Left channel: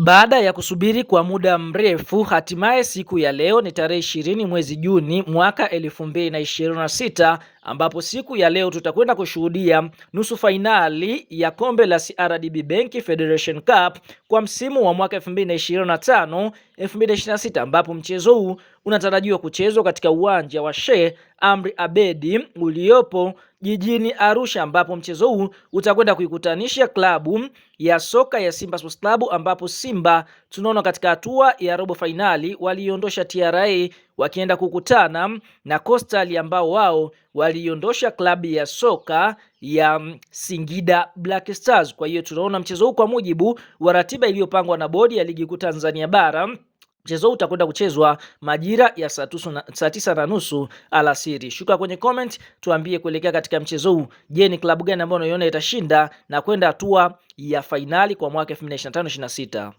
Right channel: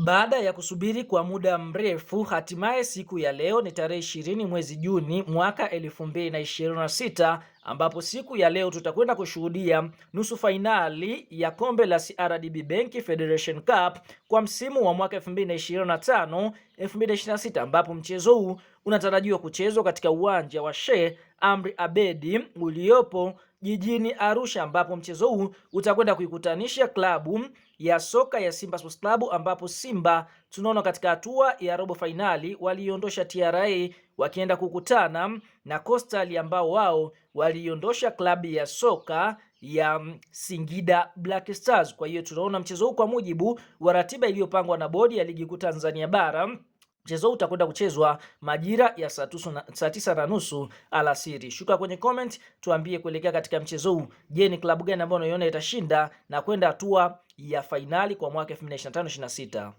Baada ya kusubiri kwa muda mrefu, hatimaye siku ya leo ni tarehe 20 mwezi Juni mwaka 2026, ambapo siku ya leo tutakwenda kushuhudia nusu fainali ya kombe la CRDB Bank Federation Cup kwa msimu wa mwaka 2025-2026, ambapo mchezo huu unatarajiwa kuchezwa katika uwanja wa Sheikh Amri Abedi uliopo jijini Arusha, ambapo mchezo huu utakwenda kuikutanisha klabu ya soka ya Simba Sports Club, ambapo Simba tunaona katika hatua ya robo fainali waliondosha TRA wakienda kukutana na Coastal ambao wao waliondosha klabu ya soka ya Singida Black Stars. Kwa hiyo tunaona mchezo huu kwa mujibu wa ratiba iliyopangwa na bodi ya ligi kuu Tanzania bara, mchezo huu utakwenda kuchezwa majira ya saa 9:30 alasiri. Shuka kwenye comment tuambie kuelekea katika mchezo huu, je, ni klabu gani ambayo unaiona itashinda na kwenda hatua ya fainali kwa mwaka 2025-26?